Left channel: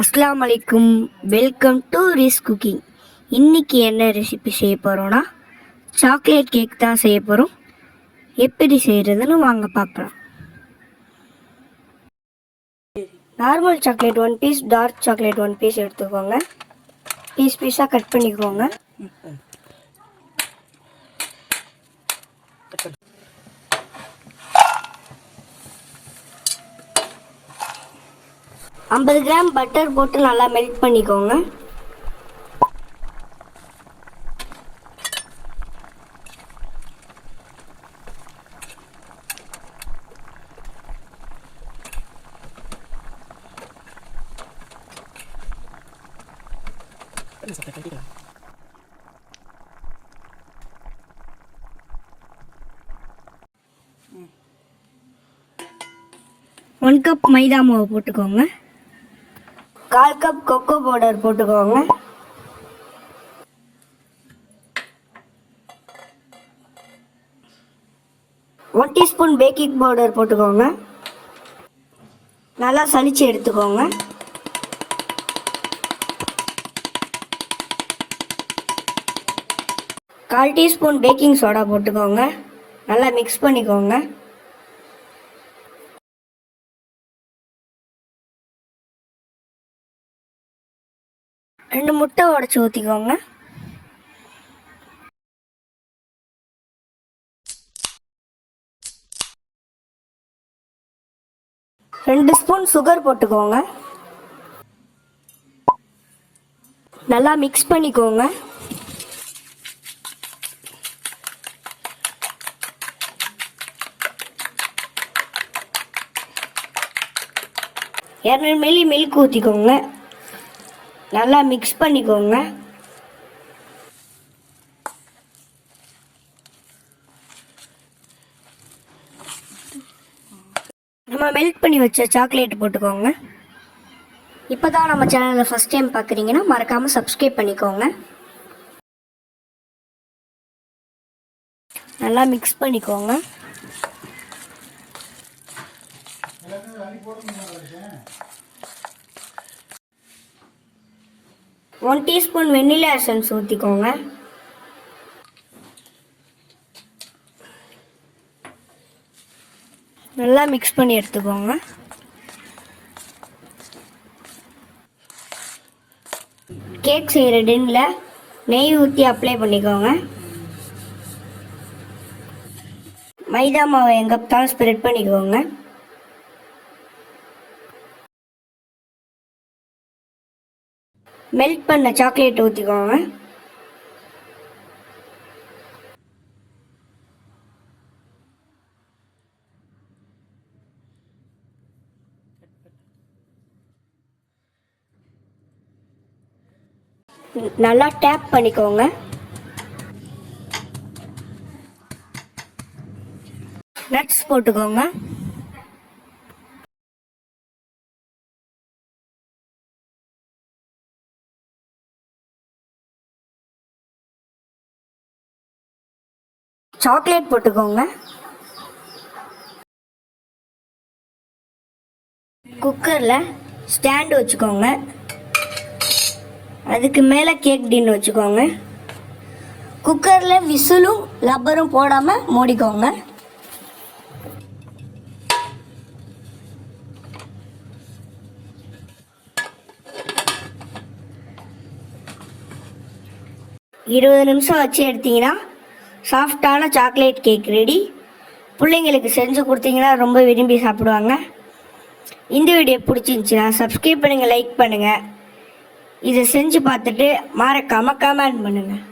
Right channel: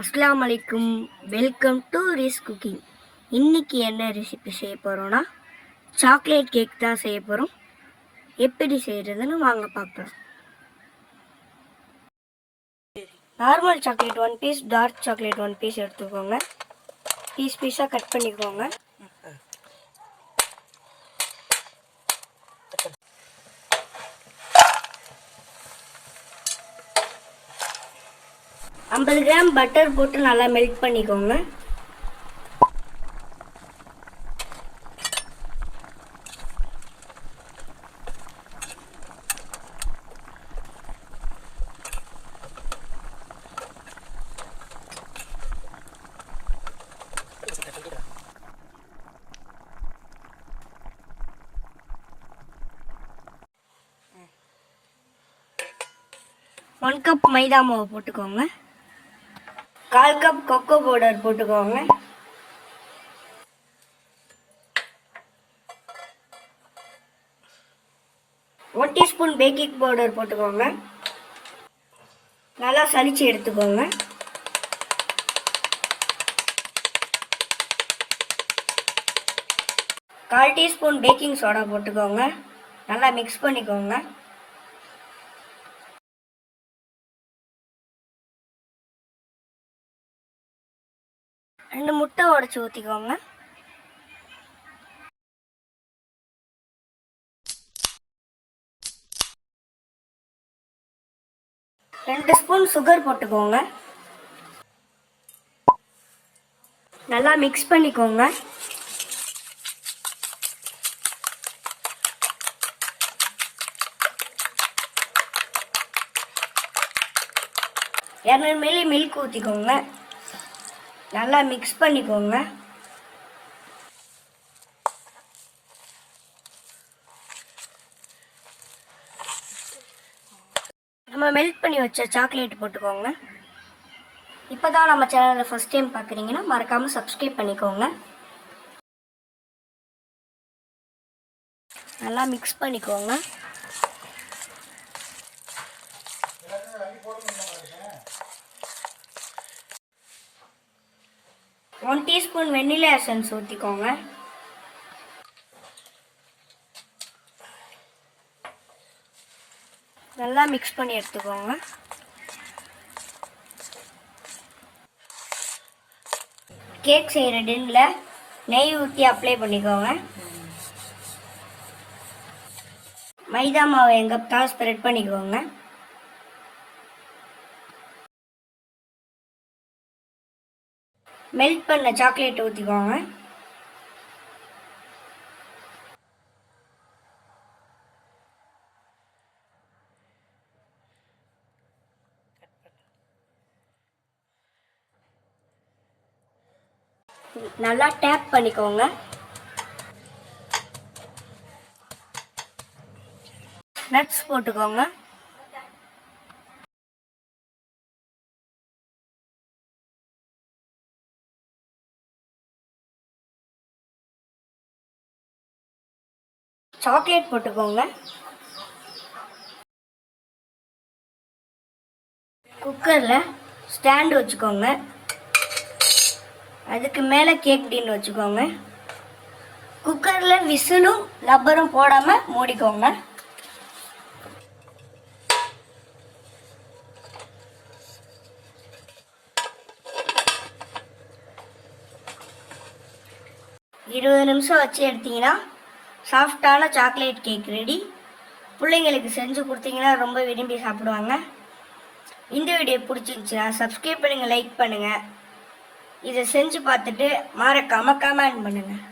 அஸ்ஸலாமு அலைக்கும். Welcome to Ris cooking. இன்றைக்கி என்ன ரெசிபி செய்ய போகிறோன்னா சாக்லேட் கேக் தான் செய்ய போகிறோம். எப்படி செய்கிறதுன்னு வாங்க பார்க்கலாம். Normal chocolate 1 piece, dark chocolate 1 piece எடுத்துக்கோங்க. பீஸாக கட் பண்ணிக்கோங்க. ஐம்பது கிராம் பட்டர் போட்டு நல்லா மெல்ட் பண்ணிக்கோங்க. ஒன் கப் மைதா மாவு போட்டுக்கோங்க. 1/4 கப் கொக்கோ பவுடர் போட்டுக்கோங்க. ஒன் டீஸ்பூன் பேக்கிங் பவுடர் போட்டுக்கோங்க. நல்லா சலிச்சு எடுத்துக்கோங்க. கால் டீஸ்பூன் பேக்கிங் சோடா போட்டுக்கோங்க. நல்லா மிக்ஸ் பண்ணிக்கோங்க. 2 முட்டை உடைச்சு ஊற்றிக்கோங்க. ரெண்டு ஸ்பூன் சுகர் போட்டுக்கோங்க. நல்லா மிக்ஸ் பண்ணிக்கோங்க. மில்லி மில்க் ஊற்றிக்கோங்க. நல்லா மிக்ஸ் பண்ணிக்கோங்க. நம்ம மெல்ட் பண்ணி வச்ச சாக்லேட் போட்டுக்கோங்க. இப்போ தான் நம்ம சேனலை ஃபஸ்ட் டைம் பார்க்குறீங்கன்னா மறக்காமல் சப்ஸ்கிரைப் பண்ணிக்கோங்க. நல்லா மிக்ஸ் பண்ணிக்கோங்க. ஒன் டீஸ்பூன் வெண்ணிலா எசன்ஸ் ஊற்றிக்கோங்க. நல்லா மிக்ஸ் பண்ணி எடுத்துக்கோங்க. கேக் செய்கிற டின்னில் நெய் ஊற்றி அப்ளை பண்ணிக்கோங்க. மைதா மாவை எங்கத்தான் ஸ்ப்ரெட் பண்ணிக்கோங்க. மெல்ட் பண்ண சாக்லேட் ஊற்றிக்கோங்க. நல்லா டேப் பண்ணிக்கோங்க. நட்ஸ் போட்டுக்கோங்க. சாக்லேட் போட்டுக்கோங்க. குக்கரில் ஸ்டாண்டு வச்சுக்கோங்க. அதுக்கு மேலே கேக் டின் வச்சுக்கோங்க. குக்கரில் விசிலும் ரப்பரும் போடாமல் மூடிக்கோங்க. இருபது நிமிஷம் வச்சு எடுத்தீங்கன்னா சாஃப்டான சாக்லேட் கேக் ரெடி. பிள்ளைங்களுக்கு செஞ்சு கொடுத்தீங்கன்னா ரொம்ப விரும்பி சாப்பிடுவாங்க. இந்த வீடியோ பிடிச்சிருந்துச்சுன்னா சப்ஸ்கிரைப் பண்ணுங்கள், லைக் பண்ணுங்கள். இதை செஞ்சு பார்த்துட்டு மறக்காமல் கமெண்ட் பண்ணுங்கள்.